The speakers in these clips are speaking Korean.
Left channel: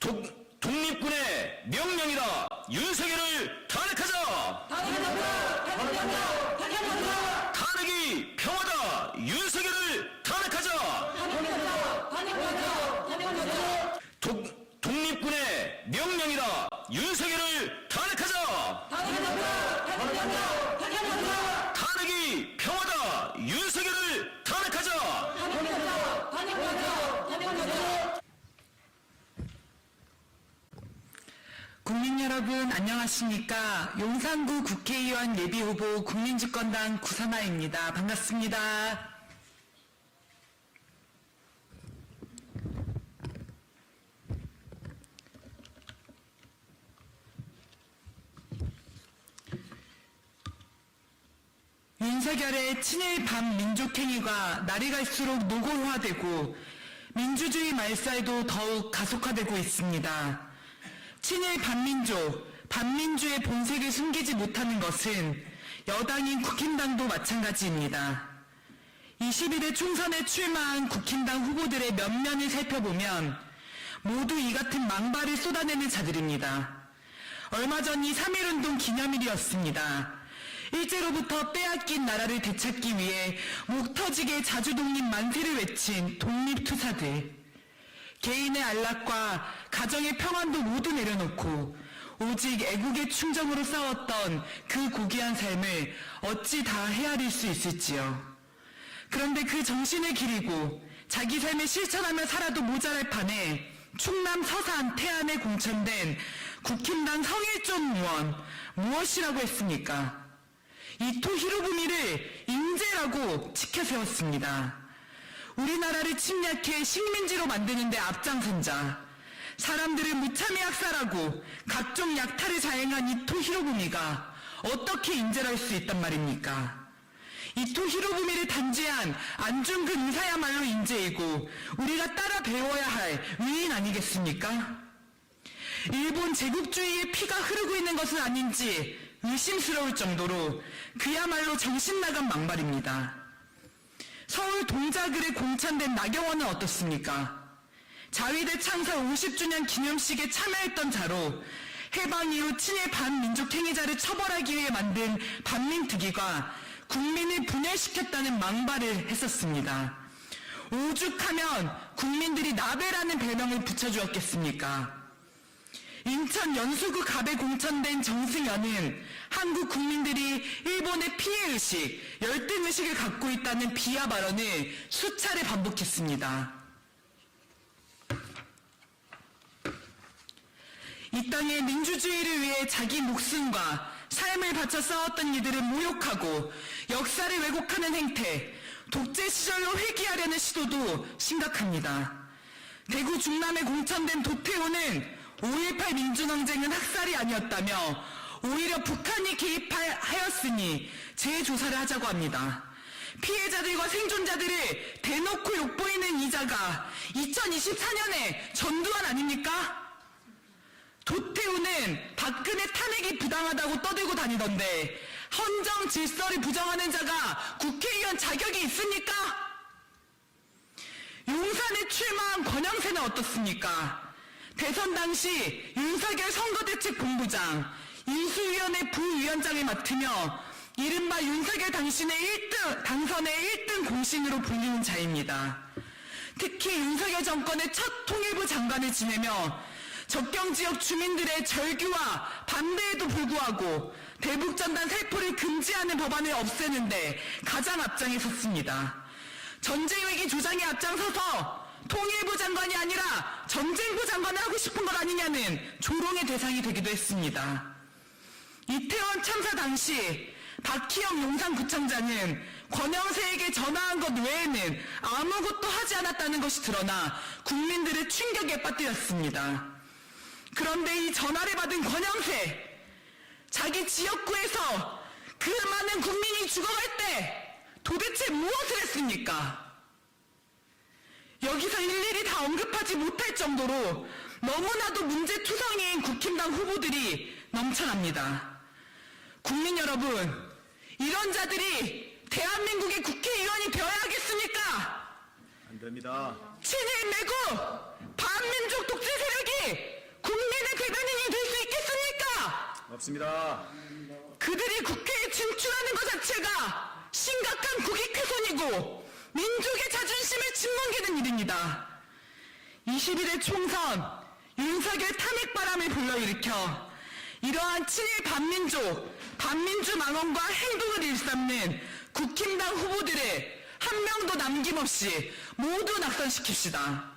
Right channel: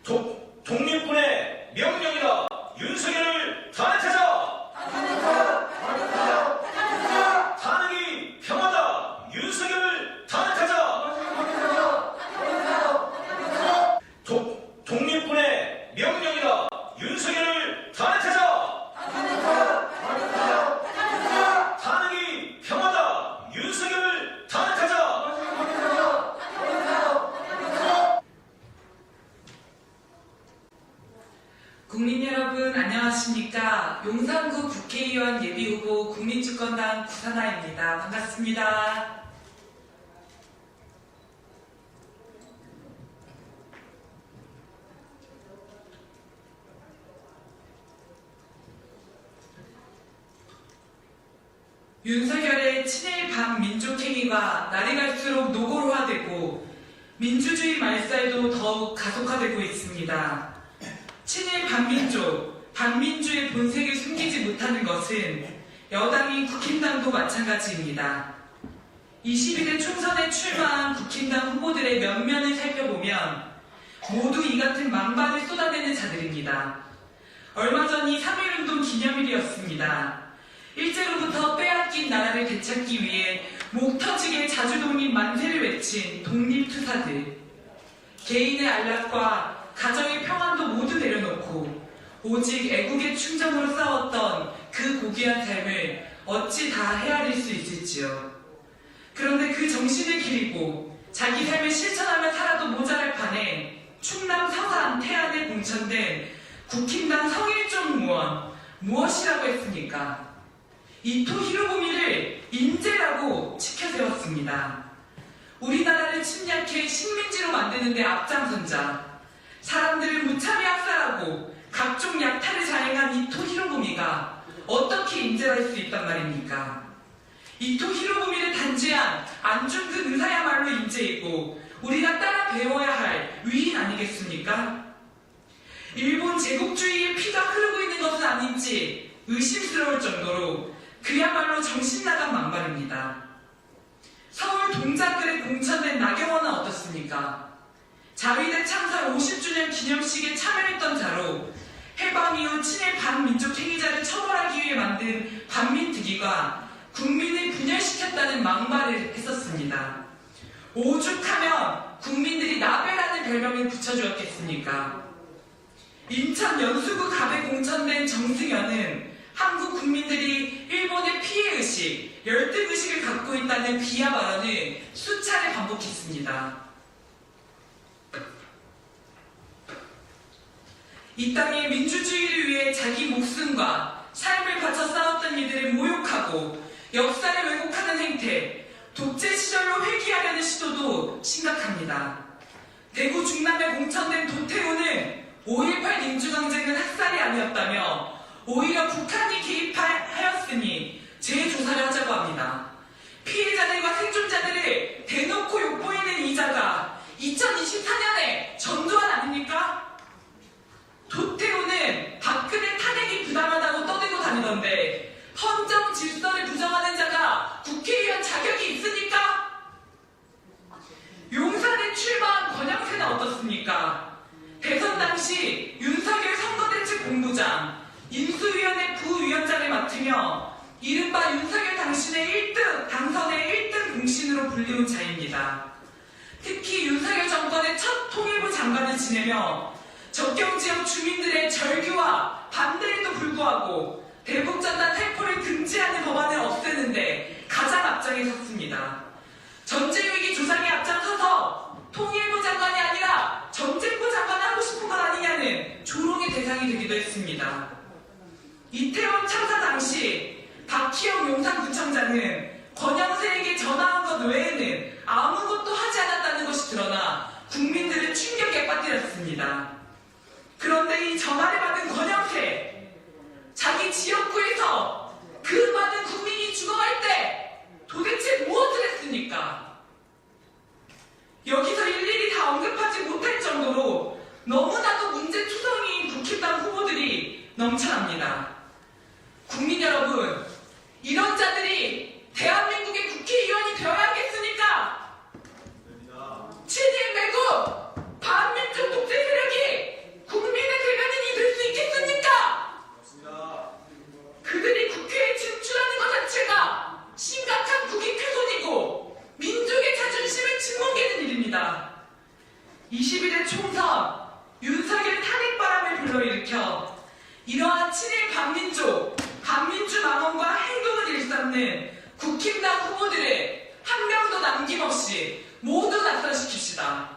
독립군의 명령이다. 윤석열을 탄핵하자. 탄핵이 편하다. 윤석열을 탄핵하자. 독립군의 명령이다. 윤석열을 탄핵하자. 탄핵이 편하다. 윤석열을 탄핵하자. 국민 여러분 안녕하십니까. 용산구 국회의원 예비후보 국민주권당 구선아입니다. 반갑습니다. 윤석열의 친일 반민족행위가 날이 갈수록 노골화되고 민주주의 말살도 더욱 가속화되고 있습니다. 친일 반민족, 반민주의 본색을 숨기지 못하는 것은 여당인 국힘당도 마찬가지입니다. 21대 총선에 출마한 국힘당 후보들의 면면을 살펴보면 모두 이 같은 망발을 쏟아내는 자들입니다. 얼마 전 이 3.1운동 기념일이었습니다. 일제로부터 빼앗긴 나라를 되찾기 위해 목 터지게 자주독립 만세를 외친 독립투사들. 개인의 안락과 가정의 평안도 모두 내려놓고 오직 애국의 충정으로 싸웠던 그 고귀한 삶을 어찌 다 헤아릴 수 있을지요. 그런데 그 정신을 기리고 자기 삶을 실천하며 살아도 모자랄 판에 충남 사산 태안에 공천된 국힘당 상일종 의원 무엇이라고 했습니까? 이토 히로부미를 인재라고 치켜세웠습니다. 우리나라를 침략해 식민지로 만드는 데 앞장선 자, 사람들을 무참히 학살하고 각종 약탈을 자행한 이토 히로부미가 어떻게 인재할 수 있단 말입니까? 이토 히로부미를 단죄한 안중근 의사야말로 인재이고 우리가 따라 배워야 할 위인 아니겠습니까? 일본 제국주의의 피가 흐르고 있는 것은 아닌지 의심스러울 정도로 그야말로 정신나간 망발입니다. 서울 동자들의 공천된 나경원은 어떻습니까? 자위대 참사 50주년 기념식에 참여했던 자로 해방 이후 친일 반민족 행위자를 처벌하기 위해 만든 반민특위가 국민을 분열시켰다는 망발을 했었습니다. 오죽하면 국민들이 나베라는 별명을 붙여주었겠습니까? 인천 연수구 갑에 공천된 정승현은 한국 국민들이 일본의 피해의식, 열등의식을 갖고 있다는 비하 발언을 수차례 반복했습니다. 이 땅의 민주주의를 위해 자기 목숨과 삶을 바쳐 싸웠던 이들을 모욕하고 역사를 왜곡하는 행태, 독재 시절로 회귀하려는 시도도 심각합니다. 대구 중남에 공천된 도태우는 5.18 민주항쟁은 학살이 아니었다며 오히려 북한이 개입하였으니 재조사를 하자고 합니다. 피해자들과 생존자들을 대놓고 욕보이는 이 자가 2024년에 전두환 아닙니까? 도태우는 박근혜 탄핵이 부당하다고 떠들고 다니던데 헌정 질서를 부정하는 자가 국회의원 자격이 있습니까? 용산에 출마한 권영세는 어떻습니까? 대선 당시 윤석열 선거대책본부장, 인수위원회 부위원장을 맡으며 이른바 윤석열 당선의 1등 공신으로 불리운 자입니다. 특히 윤석열 정권의 첫 통일부 장관을 지내며 접경지역 주민들의 절규와 반대에도 불구하고 대북전단 살포를 금지하는 법안을 없애는데 가장 앞장에 섰습니다. 전쟁위기 조장에 앞장서서 통일부 장관이 아니라 전쟁부 장관을 하고 싶은 것 아니냐는 조롱의 대상이 되기도 했습니다. 이태원 참사 당시 박희영 용산구청장은 권영세에게 전화한 것 외에는 아무것도 하지 않았다는 것이 드러나 국민들을 충격에 빠뜨렸습니다. 그런데 이 전화를 받은 권영세, 자기 지역구에서 그 많은 국민이 죽어갈 때 도대체 무엇을 했습니까? 여기서 일일이 다 언급하지 못할 정도로 반민족, 반민주 망언과 행동을 일삼는 국힘당 후보들을 한 명도 남김없이 모두 낙선시킵시다.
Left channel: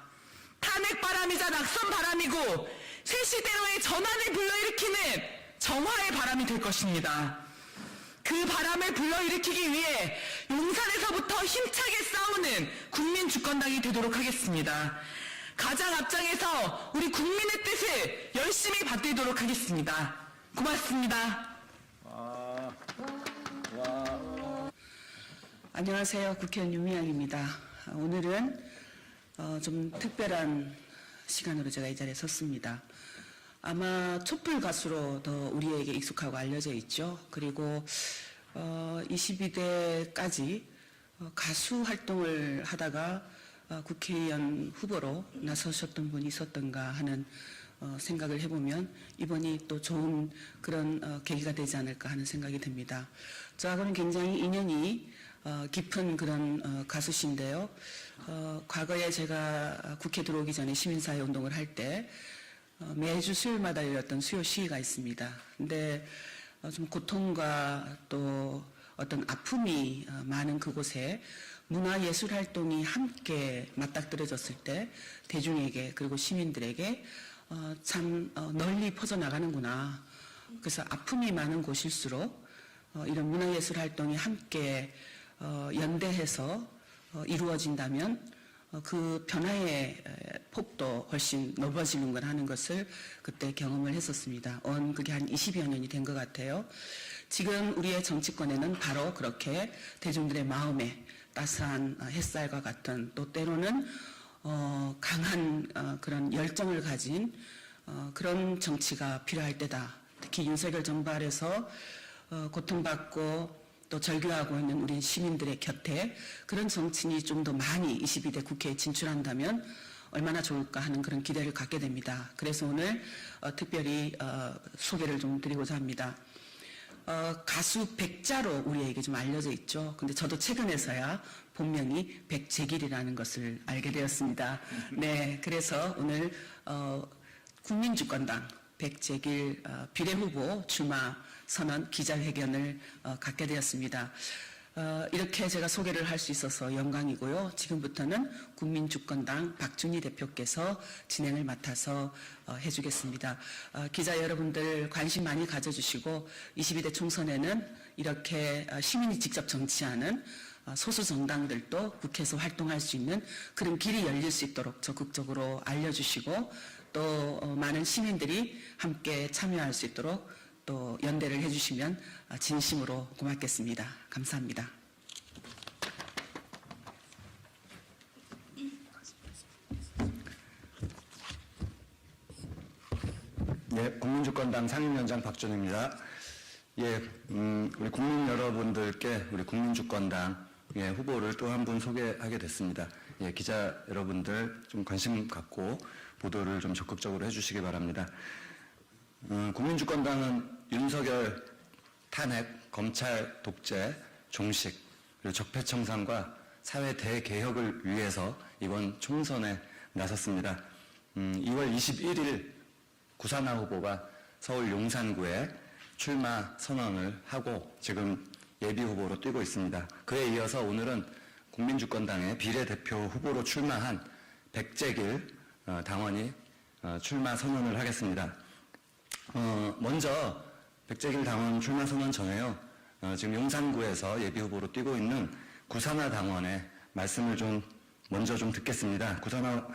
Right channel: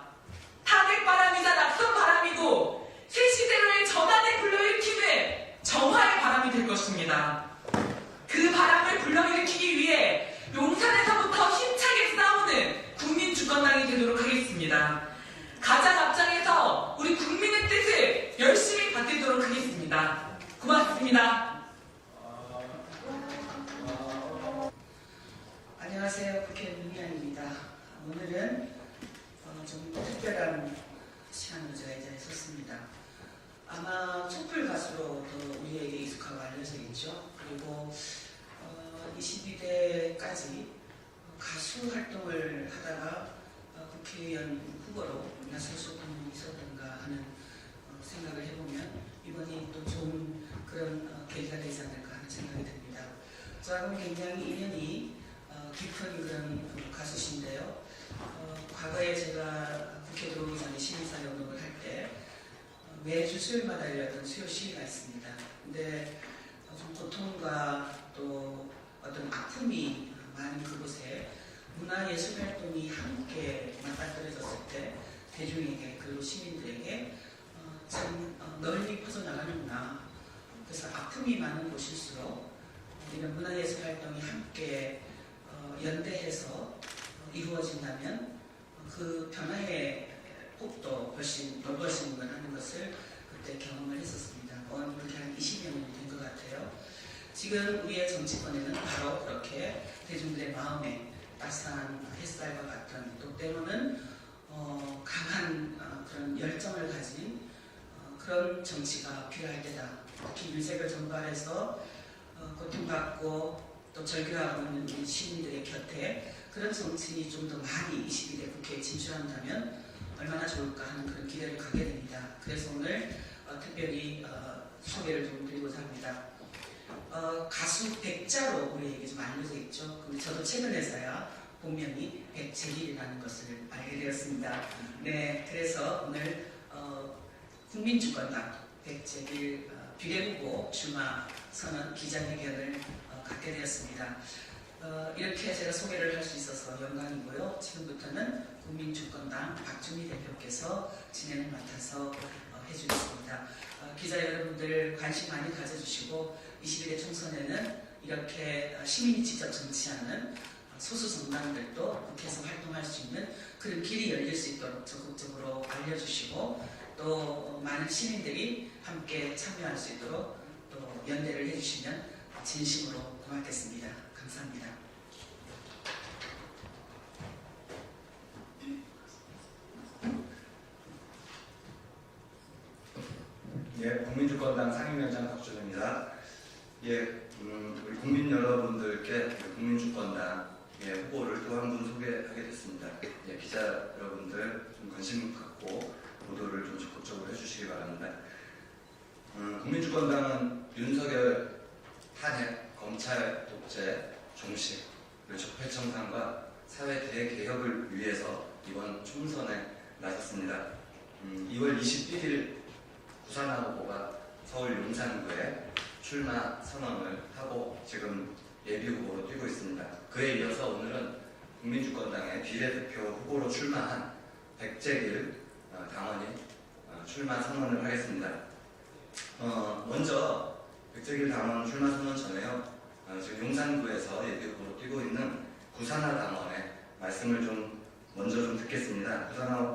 탄핵 바람이자 낙선 바람이고 새 시대로의 전환의 불러일으키는 정화의 바람이 될 것입니다. 그 바람을 불러일으키기 위해 용산에서부터 힘차게 싸우는 국민주권당이 되도록 하겠습니다. 가장 앞장에서 우리 국민의 뜻을 열심히 받들도록 하겠습니다. 고맙습니다. 안녕하세요. 국회의원 윤미향입니다. 오늘은 좀 특별한 시간으로 제가 이 자리에 섰습니다. 아마 촛불 가수로 더 우리에게 익숙하고 알려져 있죠. 그리고 22대까지 가수 활동을 하다가 국회의원 후보로 나서셨던 분이 있었던가 하는 생각을 해보면 이번이 또 좋은 그런 계기가 되지 않을까 하는 생각이 듭니다. 저하고는 굉장히 인연이 깊은 그런 가수신데요. 과거에 제가 국회 들어오기 전에 시민사회 운동을 할 때 매주 수요일마다 열렸던 수요 시위가 있습니다. 근데 좀 고통과 또 어떤 아픔이 많은 그곳에 문화예술 활동이 함께 맞닥뜨려졌을 때 대중에게 그리고 시민들에게 참 널리 퍼져나가는구나. 그래서 아픔이 많은 곳일수록 이런 문화예술 활동이 함께 연대해서 이루어진다면 그 변화의 폭도 훨씬 넓어지는 걸 하는 것을 그때 경험을 했었습니다. 그게 한 20여 년이 된 것 같아요. 지금 우리의 정치권에는 바로 그렇게 대중들의 마음에 따스한 햇살과 같은 또 때로는 강한 그런 열정을 가진 그런 정치가 필요할 때다. 특히 윤석열 정부 아래서 고통받고 또 절규하고 있는 우리 시민들의 곁에 그런 정치인이 좀 더 많이 22대 국회에 진출한다면 얼마나 좋을까 하는 그런 기대를 갖게 됩니다. 그래서 오늘 특별히 소개를 좀 드리고자 합니다. 가수 백자로 우리에게 좀 알려져 있죠. 근데 저도 최근에서야 본명이 백재길이라는 것을 알게 되었습니다. 네, 그래서 오늘 국민주권당 백재길 비례후보 출마 선언 기자회견을 갖게 되었습니다. 이렇게 제가 소개를 할 수 있어서 영광이고요. 지금부터는 국민주권당 박준희 대표께서 진행을 맡아서 해주겠습니다. 기자 여러분들 관심 많이 가져주시고 22대 총선에는 이렇게 시민이 직접 정치하는 소수 정당들도 국회에서 활동할 수 있는 그런 길이 열릴 수 있도록 적극적으로 알려주시고 또 많은 시민들이 함께 참여할 수 있도록 또 연대를 해주시면 진심으로 고맙겠습니다. 감사합니다. 네, 국민주권당 상임위원장 박준희입니다. 예, 우리 국민 여러분들께 우리 국민주권당 후보를 또 한 분 소개하게 됐습니다. 예, 기자 여러분들 좀 관심 갖고 보도를 좀 적극적으로 해주시기 바랍니다. 국민주권당은 윤석열 탄핵, 검찰 독재, 종식, 그리고 적폐청산과 사회 대개혁을 위해서 이번 총선에 나섰습니다. 2월 21일 구산화 후보가 서울 용산구에 출마 선언을 하고 지금 예비후보로 뛰고 있습니다. 그에 이어서 오늘은 국민주권당의 비례대표 후보로 출마한 백재길 당원이 출마 선언을 하겠습니다. 먼저 백재길 당원 출마 선언 전에요. 지금 용산구에서 예비후보로 뛰고 있는 구산화 당원의 말씀을 먼저 듣겠습니다. 구산화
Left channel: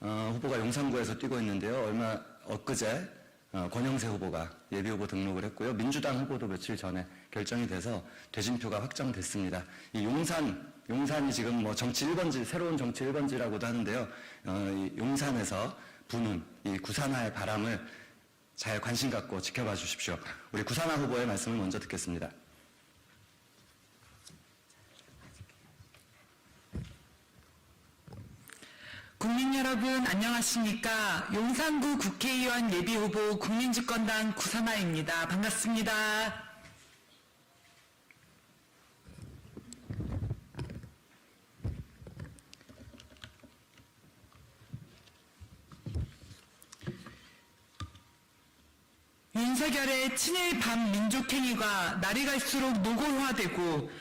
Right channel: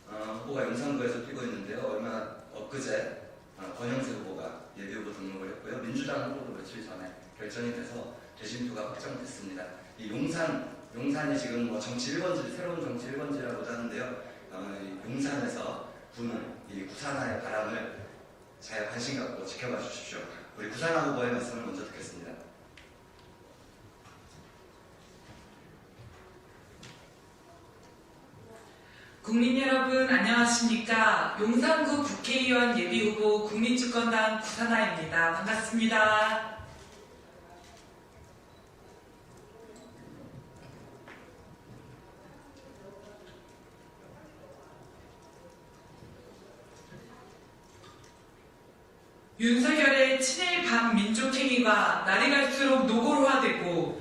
후보가 용산구에서 뛰고 있는데요. 엊그제 권영세 후보가 예비후보 등록을 했고요. 민주당 후보도 며칠 전에 결정이 돼서 대진표가 확정됐습니다. 이 용산이 지금 뭐 정치 1번지, 새로운 정치 1번지라고도 하는데요. 용산에서 부는 이 구산화의 바람을 잘 관심 갖고 지켜봐 주십시오. 우리 구산화 후보의 말씀을 먼저 듣겠습니다. 국민 여러분 안녕하십니까. 용산구 국회의원 예비후보 국민주권당 구산화입니다. 반갑습니다. 윤석열의 친일 반민족행위가 날이 갈수록 노골화되고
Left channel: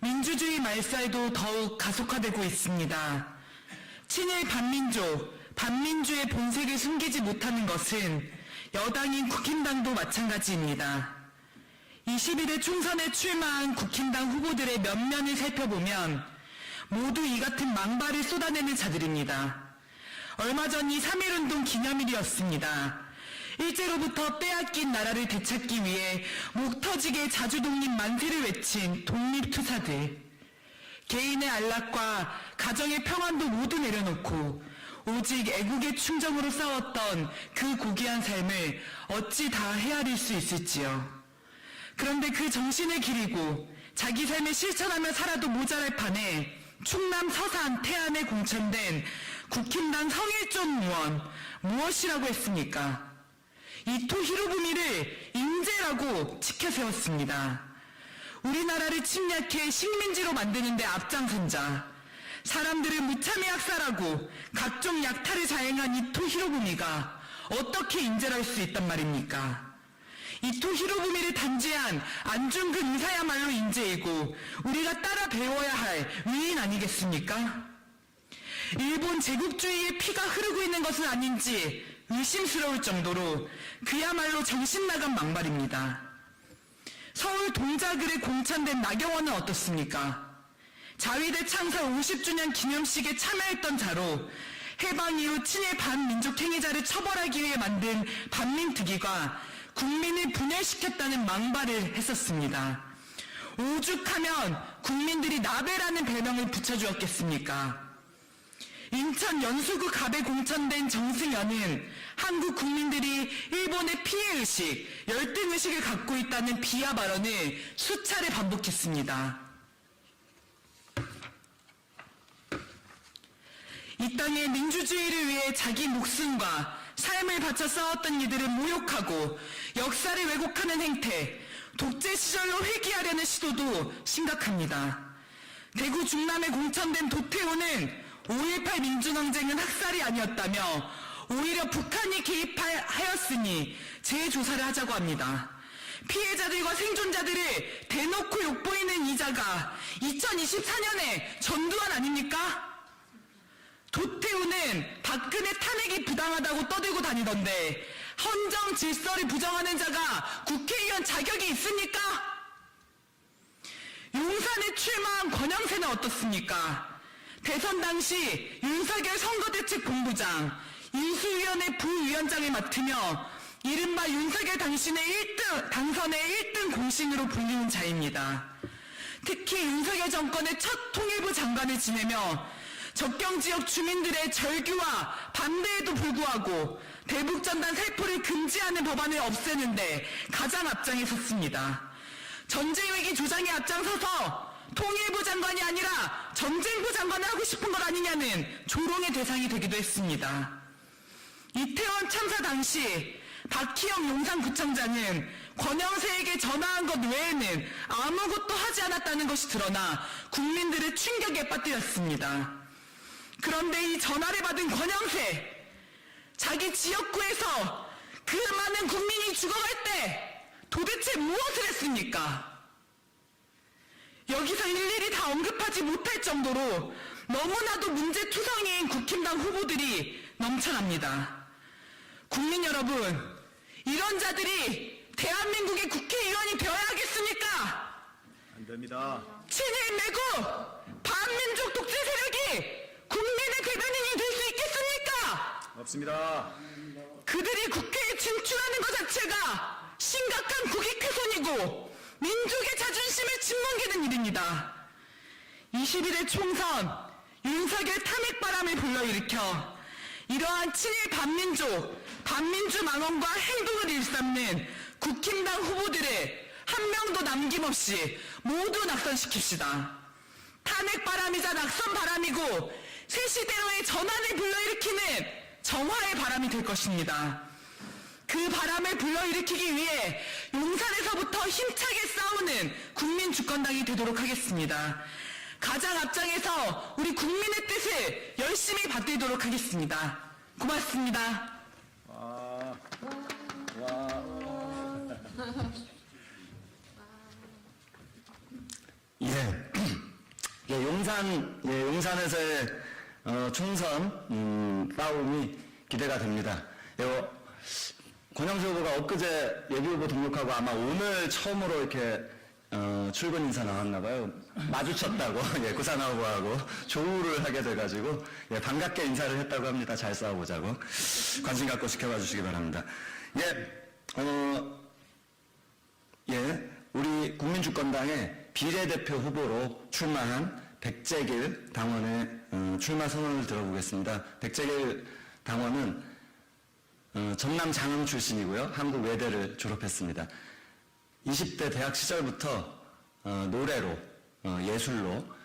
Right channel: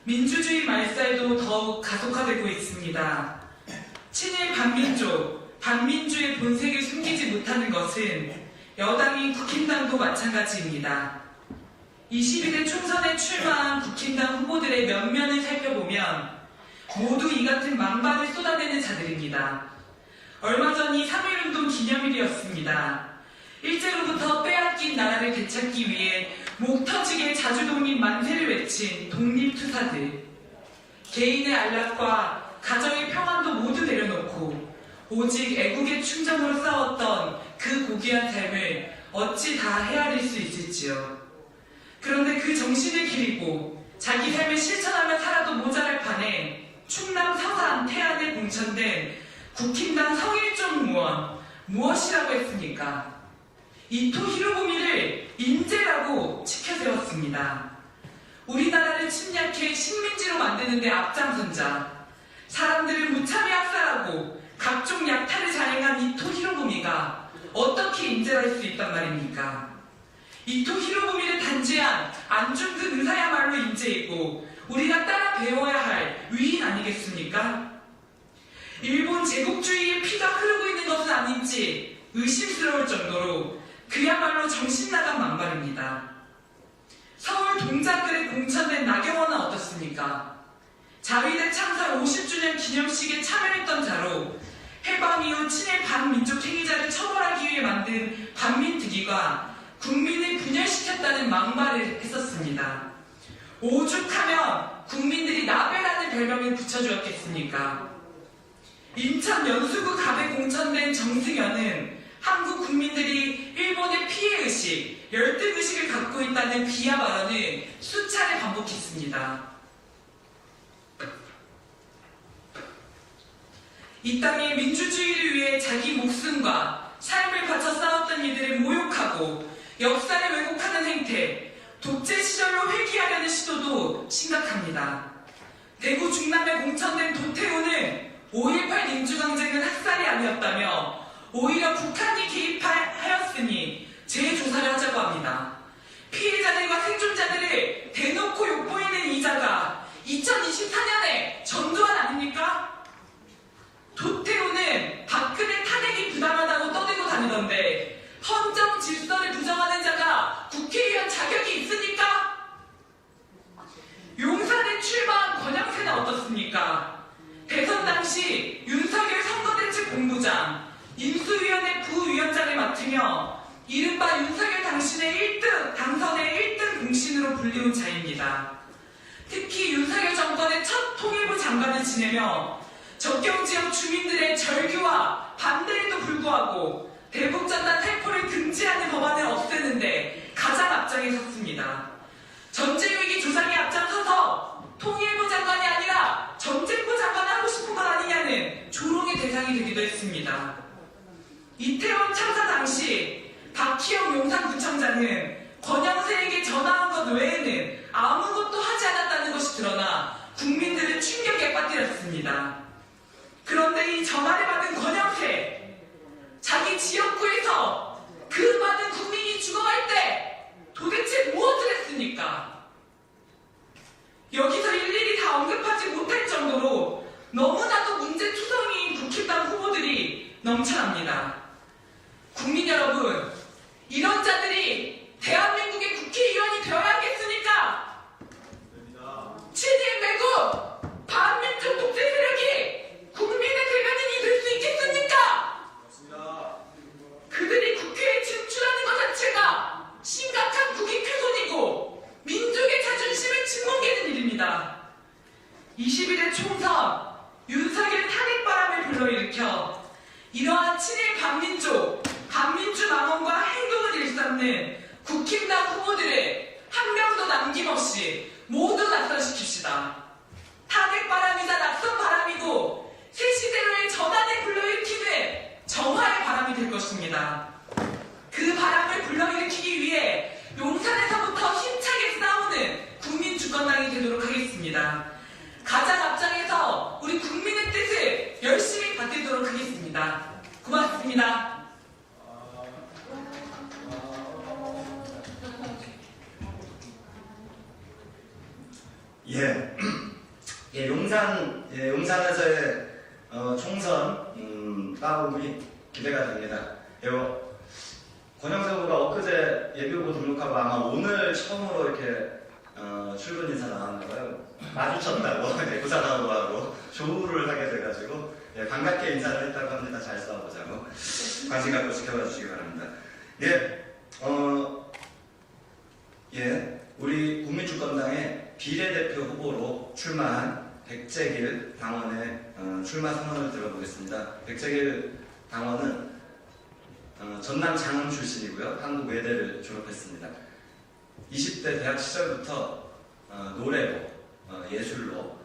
민주주의 말살도 더욱 가속화되고 있습니다. 친일 반민족, 반민주의 본색을 숨기지 못하는 것은 여당인 국힘당도 마찬가지입니다. 21대 총선에 출마한 국힘당 후보들의 면면을 살펴보면 모두 이 같은 망발을 쏟아내는 자들입니다. 얼마 전 이 3.1운동 기념일이었습니다. 일제로부터 빼앗긴 나라를 되찾기 위해 목 터지게 자주독립 만세를 외친 독립투사들. 개인의 안락과 가정의 평안도 모두 내려놓고 오직 애국의 충정으로 싸웠던 그 고귀한 삶을 어찌 다 헤아릴 수 있을지요. 그런데 그 정신을 기리고 자기 삶을 실천하며 살아도 모자랄 판에 충남 사산 태안에 공천된 국힘당 상일종 무원 무엇이라고 했습니까? 이토 히로부미를 인재라고 치켜세웠습니다. 우리나라를 침략해 식민지로 만드는 데 앞장선자, 사람들을 무참히 학살하고 각종 약탈을 자행한 이토 히로부미가 어떻게 인재랄 수 있단 말입니까? 이토 히로부미를 단죄한 안중근 의사야말로 인재이고 우리가 따라 배워야 할 위인 아니겠습니까? 일본 제국주의의 피가 흐르고 있는 것은 아닌지 의심스러울 정도로 그야말로 정신나간 망발입니다. 서울 동자들의 공천된 나경원은 어떻습니까? 자위대 참사 50주년 기념식에 참여했던 자로 해방 이후 친일 반민족 행위자를 처벌하기 위해 만든 반민특위가 국민을 분열시켰다는 망발을 했었습니다. 오죽하면 국민들이 나베라는 별명을 붙여주었겠습니까? 인천 연수구 갑에 공천된 정승현은 한국 국민들이 일본의 피해의식, 열등의식을 갖고 있다는 비하 발언을 수차례 반복했습니다. 이 땅의 민주주의를 위해 자기 목숨과 삶을 바쳐 싸웠던 이들을 모욕하고 역사를 왜곡하는 행태, 독재 시절로 회귀하려는 시도도 심각합니다. 대구 중남에 공천된 도태우는 5.18 민주항쟁은 학살이 아니었다며 오히려 북한이 개입하였으니 재조사를 하자고 합니다. 피해자들과 생존자들을 대놓고 욕보이는 이자가 2024년에 전두환 아닙니까? 도태우는 박근혜 탄핵이 부당하다고 떠들고 아마 오늘 처음으로 이렇게 출근 인사 나왔나 봐요. 마주쳤다고 구상하고 조우를 하게 돼가지고 예, 반갑게 인사를 했다고 합니다. 잘 싸워보자고 관심 갖고 지켜봐 주시기 바랍니다. 우리 국민주권당의 비례대표 후보로 출마한 백재길 당원의 출마 선언을 들어보겠습니다. 백재길 당원은 전남 장흥 출신이고요. 한국 외대를 졸업했습니다. 20대 대학 시절부터 노래로, 예술로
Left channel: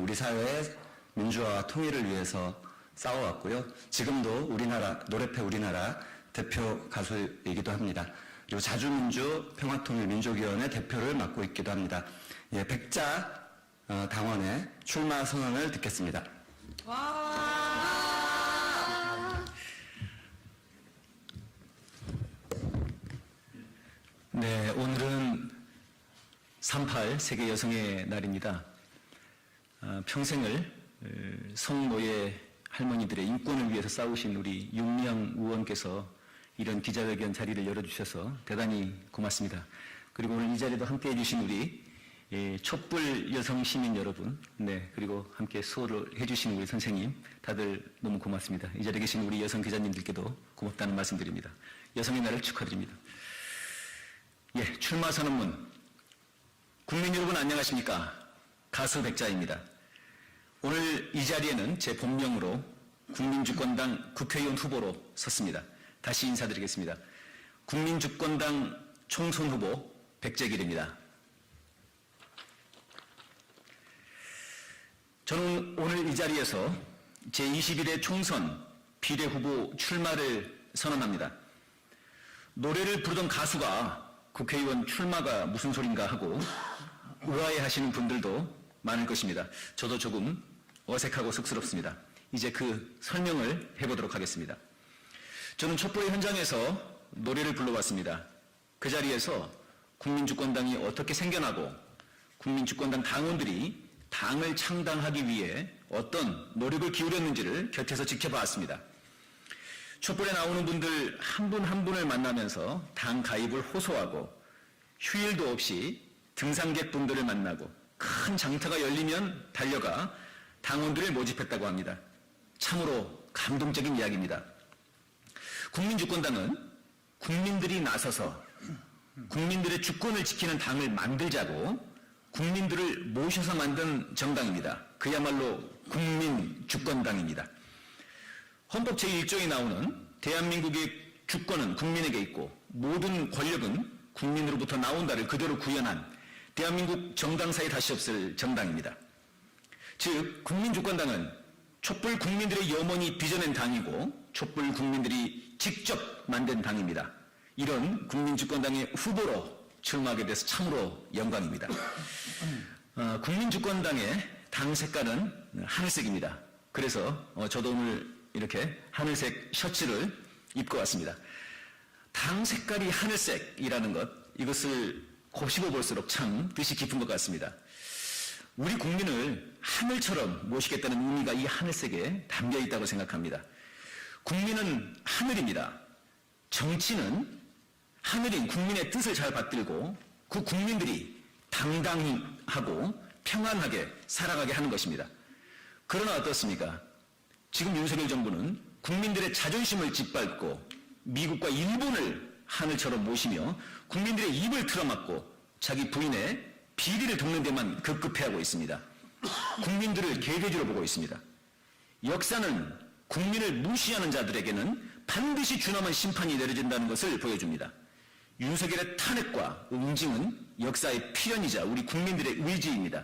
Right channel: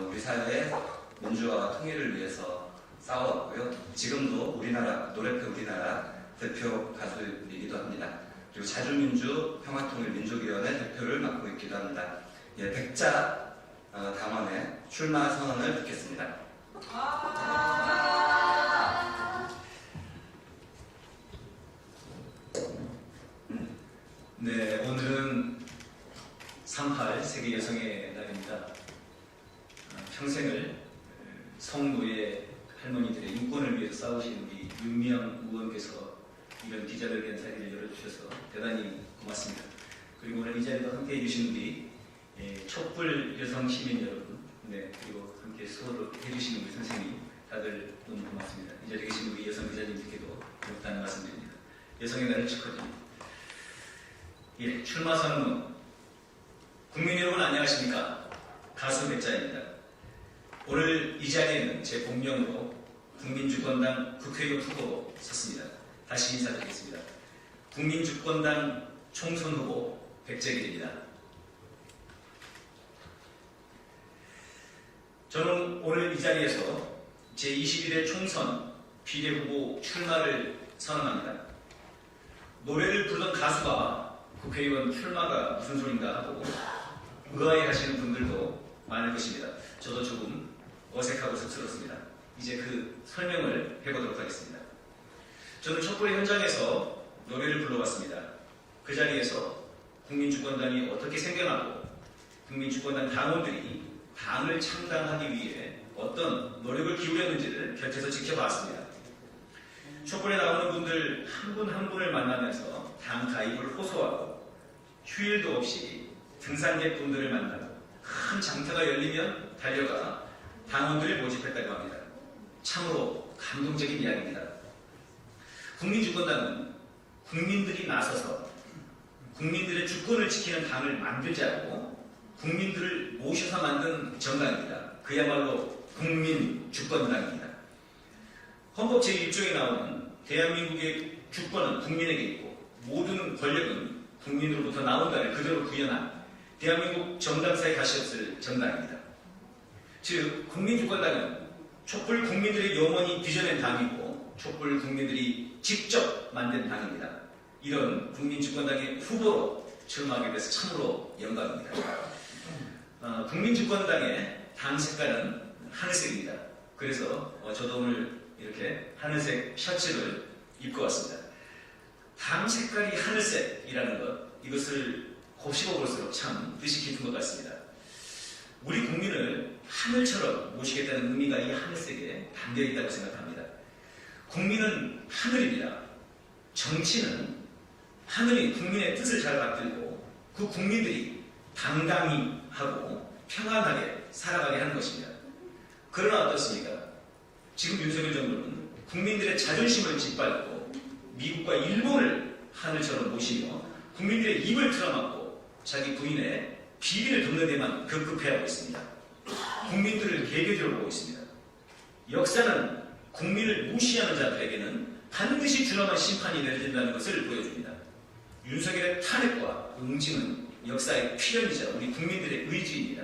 우리 사회의 민주화와 통일을 위해서 싸워왔고요. 지금도 우리나라, 노래패 우리나라 대표 가수이기도 합니다. 그리고 자주민주 평화통일민족위원회 대표를 맡고 있기도 합니다. 예, 백자 당원의 출마 선언을 듣겠습니다. 네, 오늘은 3.8 세계 여성의 날입니다. 평생을 성노예 할머니들의 인권을 위해서 싸우신 우리 윤미향 의원께서 이런 기자회견 자리를 열어주셔서 대단히 고맙습니다. 그리고 오늘 이 자리도 함께해 주신 우리 촛불 여성 시민 여러분, 네, 그리고 함께 수호를 해주신 우리 선생님, 다들 너무 고맙습니다. 이 자리에 계신 우리 여성 기자님들께도 고맙다는 말씀드립니다. 여성의 날을 축하드립니다. 예, 출마 선언문. 국민 여러분 안녕하십니까? 가수 백자입니다. 오늘 이 자리에는 제 본명으로 국민주권당 국회의원 후보로 섰습니다. 다시 인사드리겠습니다. 국민주권당 총선 후보 백재길입니다. 저는 오늘 이 자리에서 제21회 총선 비례후보 출마를 선언합니다. 노래를 부르던 가수가 국회의원 출마가 무슨 소린가 하고 의아해하시는 분들도 많을 것입니다. 저도 조금 어색하고 쑥스럽습니다. 이제 그 설명을 해보도록 하겠습니다. 저는 촛불 현장에서 노래를 불러봤습니다. 그 자리에서 국민주권당이 어떻게 생겨나고 국민주권당 당원들이 당을 창당하기 위해 어떤 노력을 기울였는지를 곁에서 지켜봤습니다. 촛불에 나오는 분들 한 분 한 분을 만나면서 당 가입을 호소하고 휴일도 없이 등산객분들을 만나고 큰 장터가 열리면 달려가 당원들을 모집했다고 합니다. 참으로 감동적인 이야기입니다. 국민주권당은 국민들이 나서서 국민들의 주권을 지키는 당을 만들자고 국민들을 모셔서 만든 정당입니다. 그야말로 국민주권당입니다. 헌법 제1조에 나오는 대한민국의 주권은 국민에게 있고 모든 권력은 국민으로부터 나온다를 그대로 구현한 대한민국 정당사에 다시 없을 정당입니다. 즉 국민주권당은 촛불 국민들의 영원히 빚어낸 당이고 촛불 국민들이 직접 만든 당입니다. 이런 국민주권당의 후보로 출마하게 돼서 참으로 영광입니다. 국민주권당의 당 색깔은 하늘색입니다. 그래서 저도 오늘 이렇게 하늘색 셔츠를 입고 왔습니다. 당 색깔이 하늘색이라는 것, 이것을 고시고 볼수록 참 뜻이 깊은 것 같습니다. 우리 국민을 하늘처럼 모시겠다는 의미가 이 하늘색에 담겨 있다고 생각합니다. 국민은 하늘입니다. 정치는 하늘이 국민의 뜻을 잘 받들고 그 국민들이 당당히 하고 평안하게 살아가게 하는 것입니다. 그러나 어떻습니까? 지금 윤석열 정부는 국민들의 자존심을 짓밟고 미국과 일본을 하늘처럼 모시며 국민들의 입을 틀어막고 자기 부인의 비리를 돕는 데만 급급해하고 있습니다. 국민들을 개배기로 보고 있습니다. 역사는 국민을 무시하는 자들에게는 반드시 준엄한 심판이 내려진다는 것을 보여줍니다. 윤석열의 탄핵과 응징은 역사의 필연이자 우리 국민들의 의지입니다.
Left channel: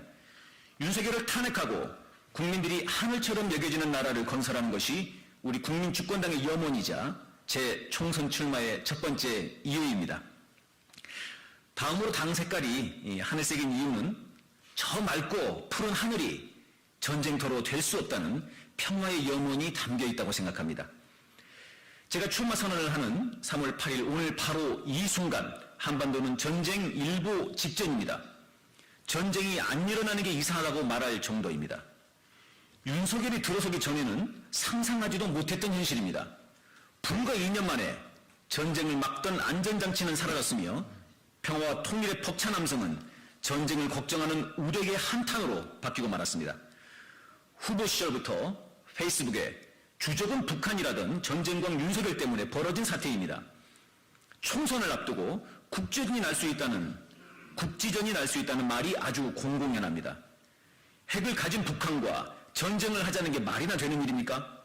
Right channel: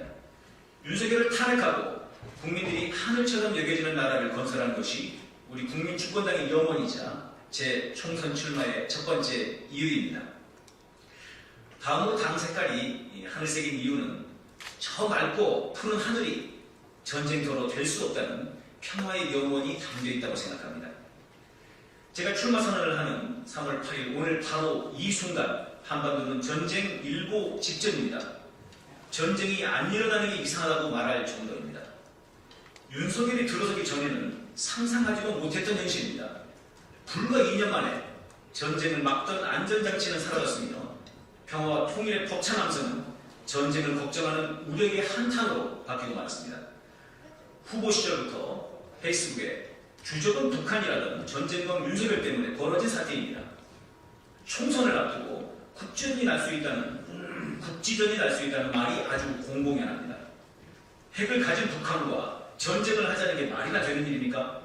윤석열을 탄핵하고 국민들이 하늘처럼 내려지는 나라를 건설하는 것이 우리 국민주권당의 영혼이자 제 총선 출마의 첫 번째 이유입니다. 다음으로 당 색깔이 하늘색인 이유는 저 맑고 푸른 하늘이 전쟁터로 될 수 없다는 평화의 영혼이 담겨 있다고 생각합니다. 제가 출마 선언을 하는 3월 8일 오늘 바로 이 순간 한반도는 전쟁 일보 직전입니다. 전쟁이 안 일어나는 게 이상하다고 말할 정도입니다. 윤석열이 들어서기 전에는 상상하지도 못했던 현실입니다. 불과 2년 만에 전쟁을 막던 안전장치는 사라졌으며 평화와 통일의 벅찬 함성은 전쟁을 걱정하는 우대의 한탄으로 바뀌고 말았습니다. 후보 시절부터 페이스북에 주적은 북한이라는 전쟁과 윤석열 때문에 벌어진 사태입니다. 총선을 앞두고 국지전이 날 수 있다는 말이 아주 공공연합니다. 핵을 가진 북한과 전쟁을 하자는 게 말이나 되는 일입니까?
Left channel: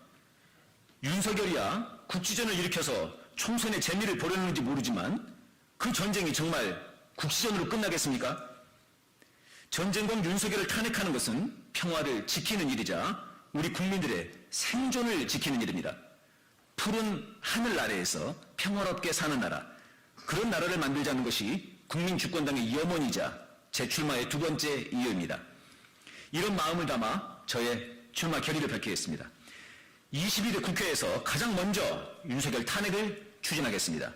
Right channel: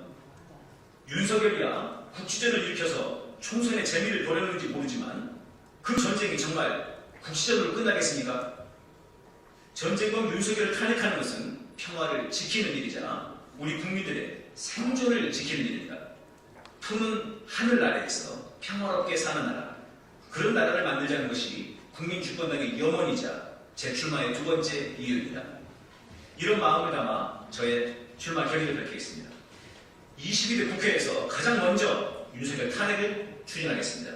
윤석열이야 국지전을 일으켜서 총선의 재미를 보려는지 모르지만 그 전쟁이 정말 국지전으로 끝나겠습니까? 전쟁으로 윤석열을 탄핵하는 것은 평화를 지키는 일이자 우리 국민들의 생존을 지키는 일입니다. 푸른 하늘 아래에서 평화롭게 사는 나라, 그런 나라를 만들자는 것이 국민주권당의 영원이자 제 출마의 두 번째 이유입니다. 이런 마음을 담아 저의 출마 결의를 밝히겠습니다. 22대 국회에서 가장 먼저 윤석열 탄핵을 추진하겠습니다.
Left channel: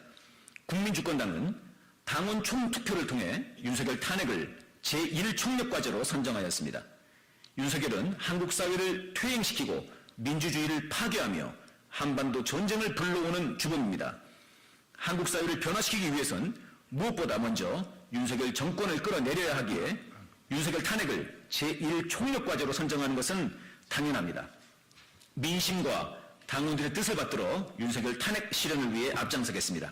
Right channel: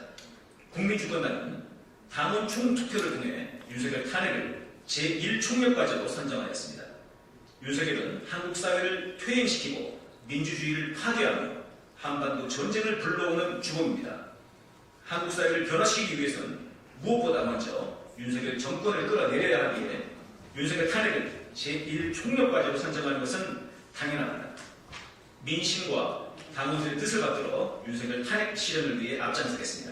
국민주권당은 당원 총투표를 통해 윤석열 탄핵을 제1총력과제로 선정하였습니다. 윤석열은 한국 사회를 퇴행시키고 민주주의를 파괴하며 한반도 전쟁을 불러오는 주범입니다. 한국 사회를 변화시키기 위해서는 무엇보다 먼저 윤석열 정권을 끌어내려야 하기에 윤석열 탄핵을 제1총력과제로 선정하는 것은 당연합니다. 민심과 당원들의 뜻을 받들어 윤석열 탄핵 실현을 위해 앞장서겠습니다.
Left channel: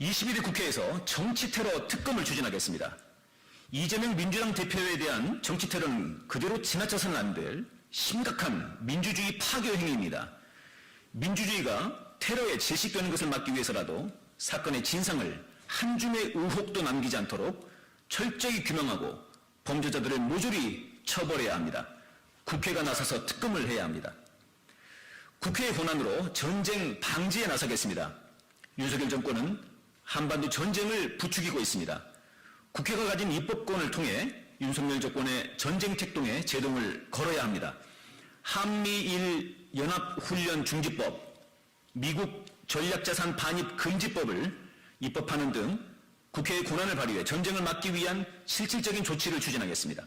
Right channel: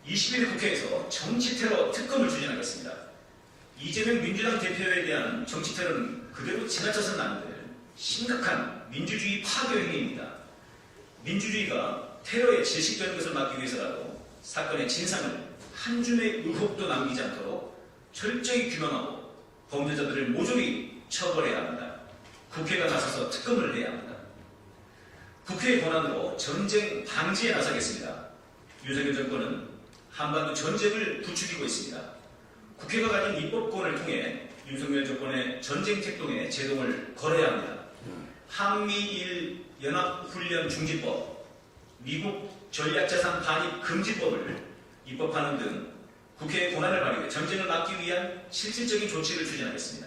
21대 국회에서 정치테러 특검을 추진하겠습니다. 이재명 민주당 대표에 대한 정치테러는 그대로 지나쳐서는 안 될 심각한 민주주의 파괴 행위입니다. 민주주의가 테러에 질식되는 것을 막기 위해서라도 사건의 진상을 한 줌의 의혹도 남기지 않도록 철저히 규명하고 범죄자들을 모조리 처벌해야 합니다. 국회가 나서서 특검을 해야 합니다. 국회의 권한으로 전쟁 방지에 나서겠습니다. 윤석열 정권은 한반도 전쟁을 부추기고 있습니다. 국회가 가진 입법권을 통해 윤석열 정권의 전쟁 책동에 제동을 걸어야 합니다. 한미일 연합훈련 중지법, 미국 전략자산 반입 금지법을 입법하는 등 국회의 권한을 발휘해 전쟁을 막기 위한 실질적인 조치를 추진하겠습니다.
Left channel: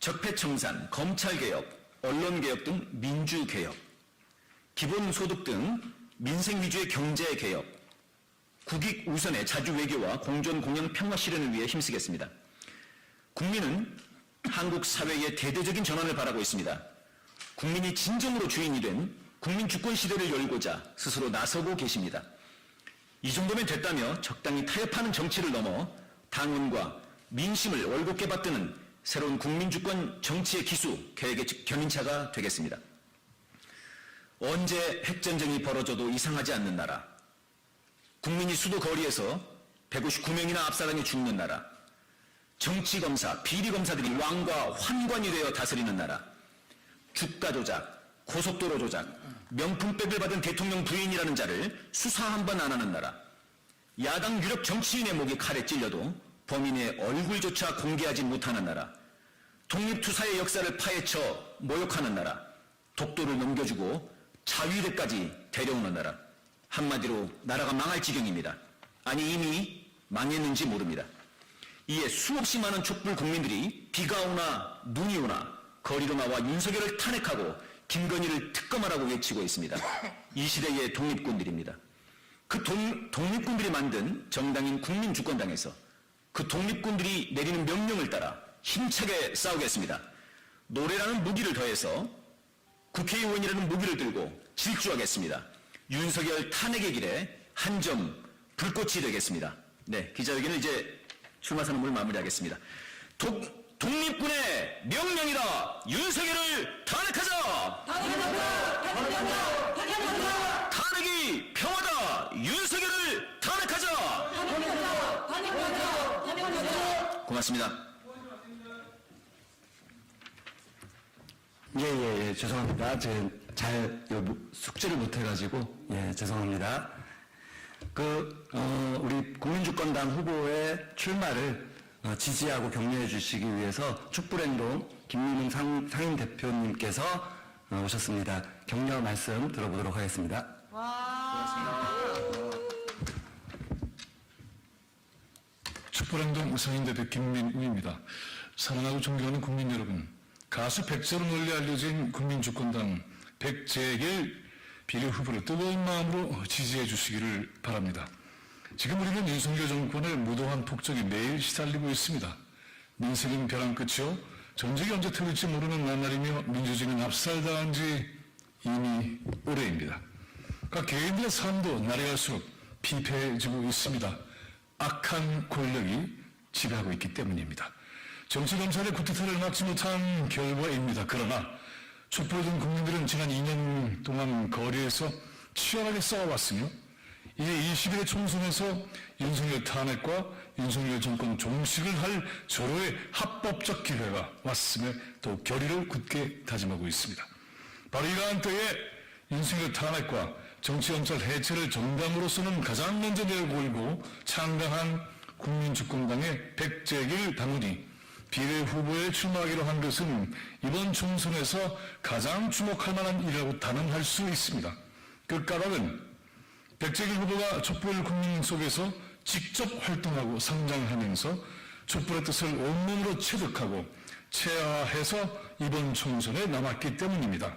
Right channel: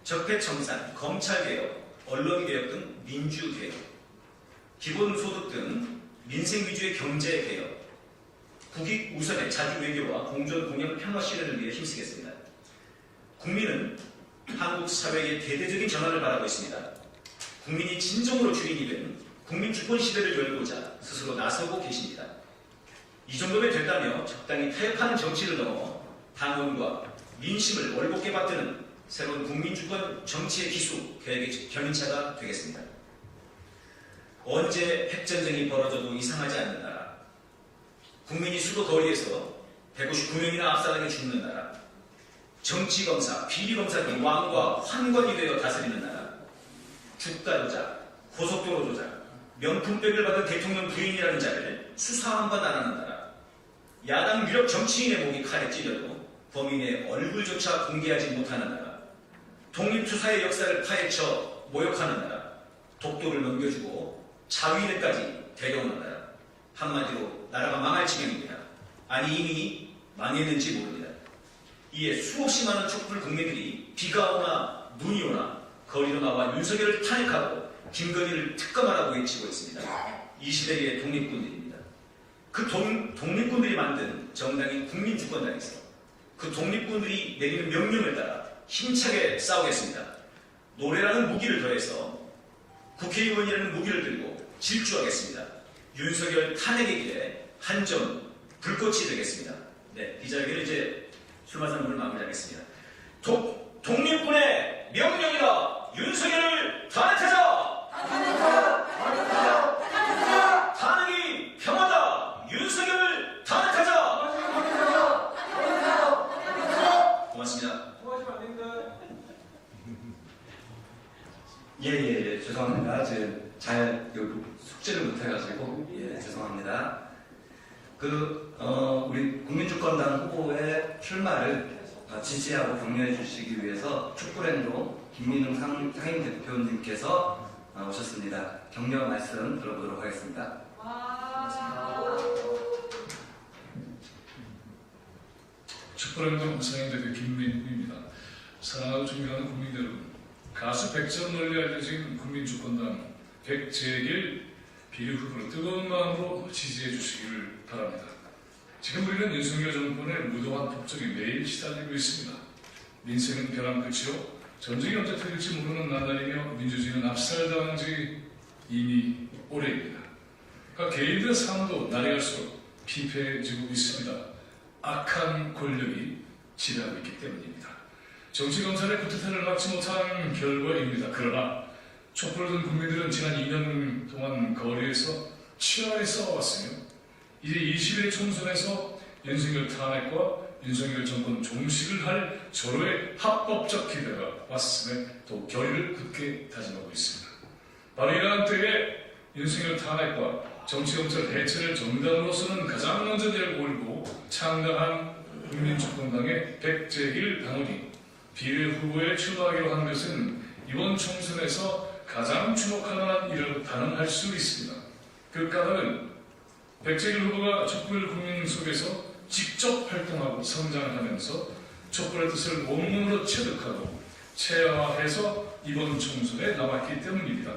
적폐청산, 검찰개혁, 언론개혁 등 민주개혁, 기본소득 등 민생 위주의 경제개혁, 국익 우선의 자주외교와 공존공영 평화 실현을 위해 힘쓰겠습니다. 국민은 한국 사회의 대대적인 전환을 바라고 있습니다. 국민이 진정으로 주인이 된 국민 주권 시대를 열고자 스스로 나서고 계십니다. 이 정도면 됐다며 적당히 타협하는 정치를 넘어 당원과 민심을 올곧게 받드는 새로운 국민 주권 정치의 기수 계획의 견인차가 되겠습니다. 언제 핵전쟁이 벌어져도 이상하지 않는 나라, 국민이 수도 거리에서 159명이나 압사당해 죽는 나라, 정치검사, 비리검사들이 왕과 환관이 되어 다스리는 나라, 주가 조작, 고속도로 조작, 명품백을 받은 대통령 부인이라는 자를 수사 한 번 안 하는 나라, 야당 유력 정치인의 목이 칼에 찔려도 범인의 얼굴조차 공개하지 못하는 나라, 독립투사의 역사를 파헤쳐 모욕하는 나라, 독도를 넘겨주고 자위대까지 데려오는 나라, 한마디로 나라가 망할 지경입니다. 아니 이미 망했는지 모릅니다. 이에 수없이 많은 촛불 국민들이 비가 오나 눈이 오나 거리로 나와 윤석열을 탄핵하고 김건희를 특검하라고 외치고 있습니다. 이 시대의 독립군들입니다. 그 독립군들이 만든 정당인 국민주권당에서 그 독립군들이 내린 명령을 따라 힘차게 싸우겠습니다. 노래라는 무기를 더해서 국회의원이라는 무기를 들고 질주하겠습니다. 윤석열 탄핵의 길에 한 점 불꽃이 되겠습니다. 네, 기자회견은 이제 출마 선언을 마무리하겠습니다. 독립군의 명령이라 윤석열을 탄핵하자! 탄핵이 평화다! 윤석열을 탄핵하자! 고맙습니다. 예, 죄송합니다. 잘 숙지를 못해가지고 죄송합니다. 우리 국민주권당 후보의 출마를 지지하고 격려해 주시기 위해서 촛불행로 김민상 상임 대표님께서 오셨습니다. 격려 말씀 들어보도록 하겠습니다. 촛불행동 상임 대표 김민우입니다. 사랑하고 존경하는 국민 여러분, 가수 백선을 널리 알려진 국민주권당 백재일 비례 후보를 뜨거운 마음으로 지지해 주시기를 바랍니다. 지금 우리는 윤석열 정권의 무도한 폭정이 매일 시달리고 있습니다. 민생은 벼랑 끝이요. 정직이 언제 틀릴지 모르는 나날이며 민주주의는 압살당한 지 이미 오래입니다. 그러니까 개인의 삶도 나라에서 피폐해지고 있습니다. 악한 권력이 지배하고 있기 때문입니다. 정치검찰의 구태타를 막지 못한 결과입니다. 그러나 촛불은 국민들은 지난 2년 동안 거리에서 치열하게 싸워왔으며 이제 21대 총선에서 윤석열 탄핵과 윤석열 정권 종식을 할 절호의 합법적 기회가 왔음에 또 결의를 굳게 다짐하고 있습니다. 바로 이러한 때에 윤석열 탄핵과 정치검찰 해체를 정당으로서는 가장 먼저 내몰고 창당한 국민주권당의 백재길 당원이 비례후보에 출마하기로 한 것은 이번 총선에서 가장 주목할 만한 일이라고 단언할 수 있습니다. 그 까닭은 백재길 후보가 촛불 국민 속에서 직접 활동하고 성장하면서 촛불의 뜻을 온몸으로 체득하고 체화해서 이번 총선에 나왔기 때문입니다.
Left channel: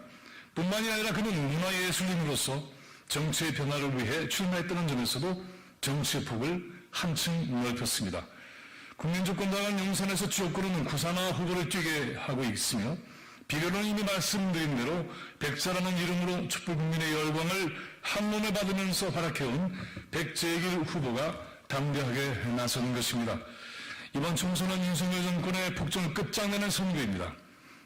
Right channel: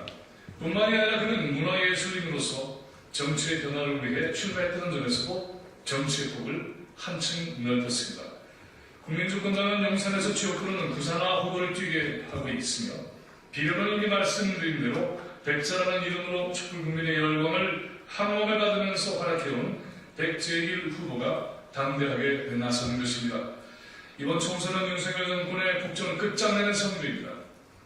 뿐만이 아니라 그는 문화예술인으로서 정치의 변화를 위해 출마했다는 점에서도 정치의 폭을 한층 넓혔습니다. 국민주권당은 영산에서 지역구로는 구산화 후보를 뛰게 하고 있으며 비례는 이미 말씀드린 대로 백사라는 이름으로 촛불 국민의 열망을 항목을 받으면서 발악해온 백재길 후보가 당대하게 나서는 것입니다. 이번 총선은 윤석열 정권의 폭정 끝장나는 선거입니다.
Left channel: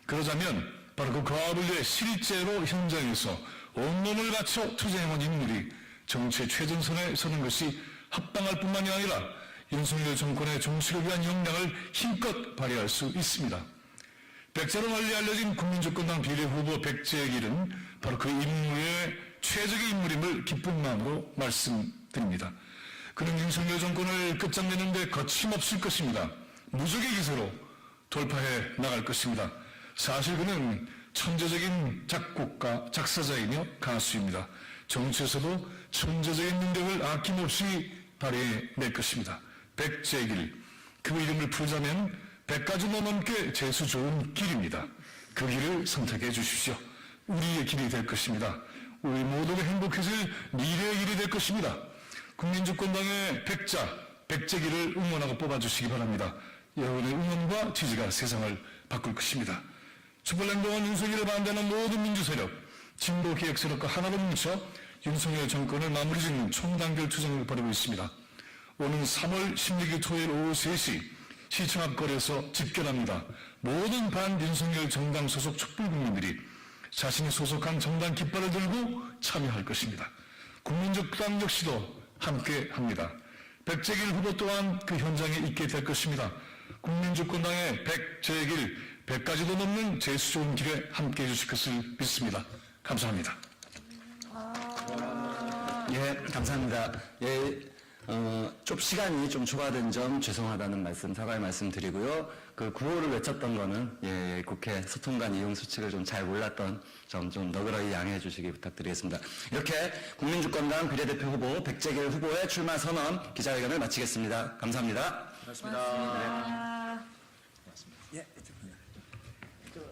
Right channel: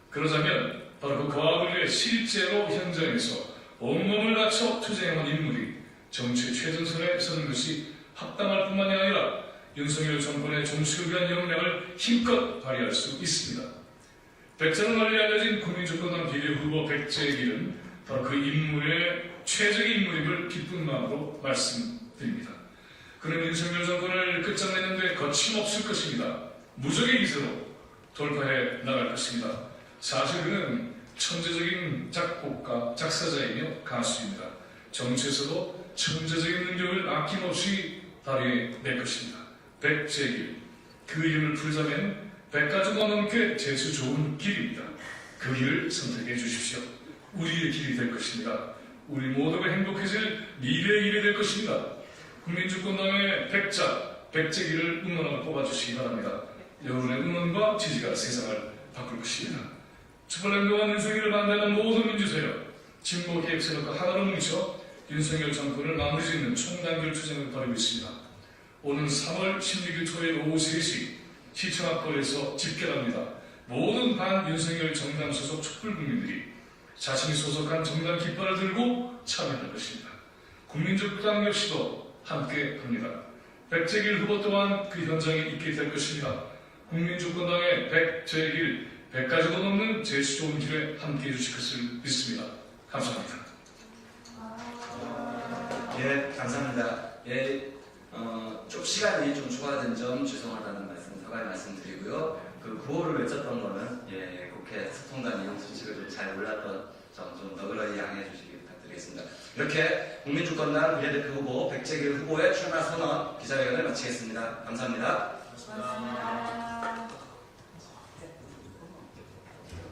그러자면 바로 그 과거의 실제로 현장에서 온몸을 바쳐 투쟁하는 인물이 정치의 최전선에 서는 것이 합당할 뿐만이 아니라 윤석열 정권의 종식을 위한 역량을 힘껏 발휘할 수 있습니다. 백사로 널리 알려진 국민주권당 비례후보 백재길은 바로 그 인물의 최적의 인물임을 기쁜 마음으로 말씀드립니다. 그는 윤석열 정권을 끝장내는 데 거침없을 것입니다. 무적의 기세로 돌파해 나갈 것입니다. 사실 그는 천재적인 작곡가, 작사자이며 가수입니다. 정치에서도 천재적인 능력을 아낌없이 발휘해낼 것입니다. 백재길, 그 일을 부자낸 100가지 넘게 재수 좋은 길입니다. 그 길을 선택해 주십시오. 우리의 길이 될 것입니다. 우리 모두가 행복해질 미래의 길이 될 것입니다. 국민주권당의 백재길을 응원하고 뽑아주시기 바랍니다. 여러분의 응원과 지지가 세상을 바꿀 것입니다. 촛불행동은 윤석열을 반대하는 모든 민주세력, 진보 기획 세력과 하나로 뭉쳐 윤석열 정권을 마무리 짓는 총단결 투쟁을 벌이고 있습니다. 오는 3월 16일 토요일 오후 3시 시청 앞거리에서 집결합니다. 모든 반윤석열 정당 소속 촛불 국민들이 자신이 소속한 정당 깃발을 들고 참여할 것입니다. 국민주당 역시도 함께합니다. 백재길 후보 또한 그 현장에 있게 될 것입니다. 국민주권당의 백재길 100가지도 넘는 재수 좋은 길에 함께해 주실 것을 믿습니다. 감사합니다. 예, 감사합니다. 예, 좀 시간이 좀 초과된 점 죄송하다는 말씀, 사과의 말씀 드리고요. 그 구호를 외쳤던 거는 예, 국회 소통관 이용 수칙을 좀 잘 몰랐던 점 좀 너그러이 양해해 주시기 부탁드리겠습니다. 이렇게 국민주권당 비례대표 후보 백재길 후보의 출마 선언 기자회견을 마치겠습니다. 감사합니다. 고맙습니다.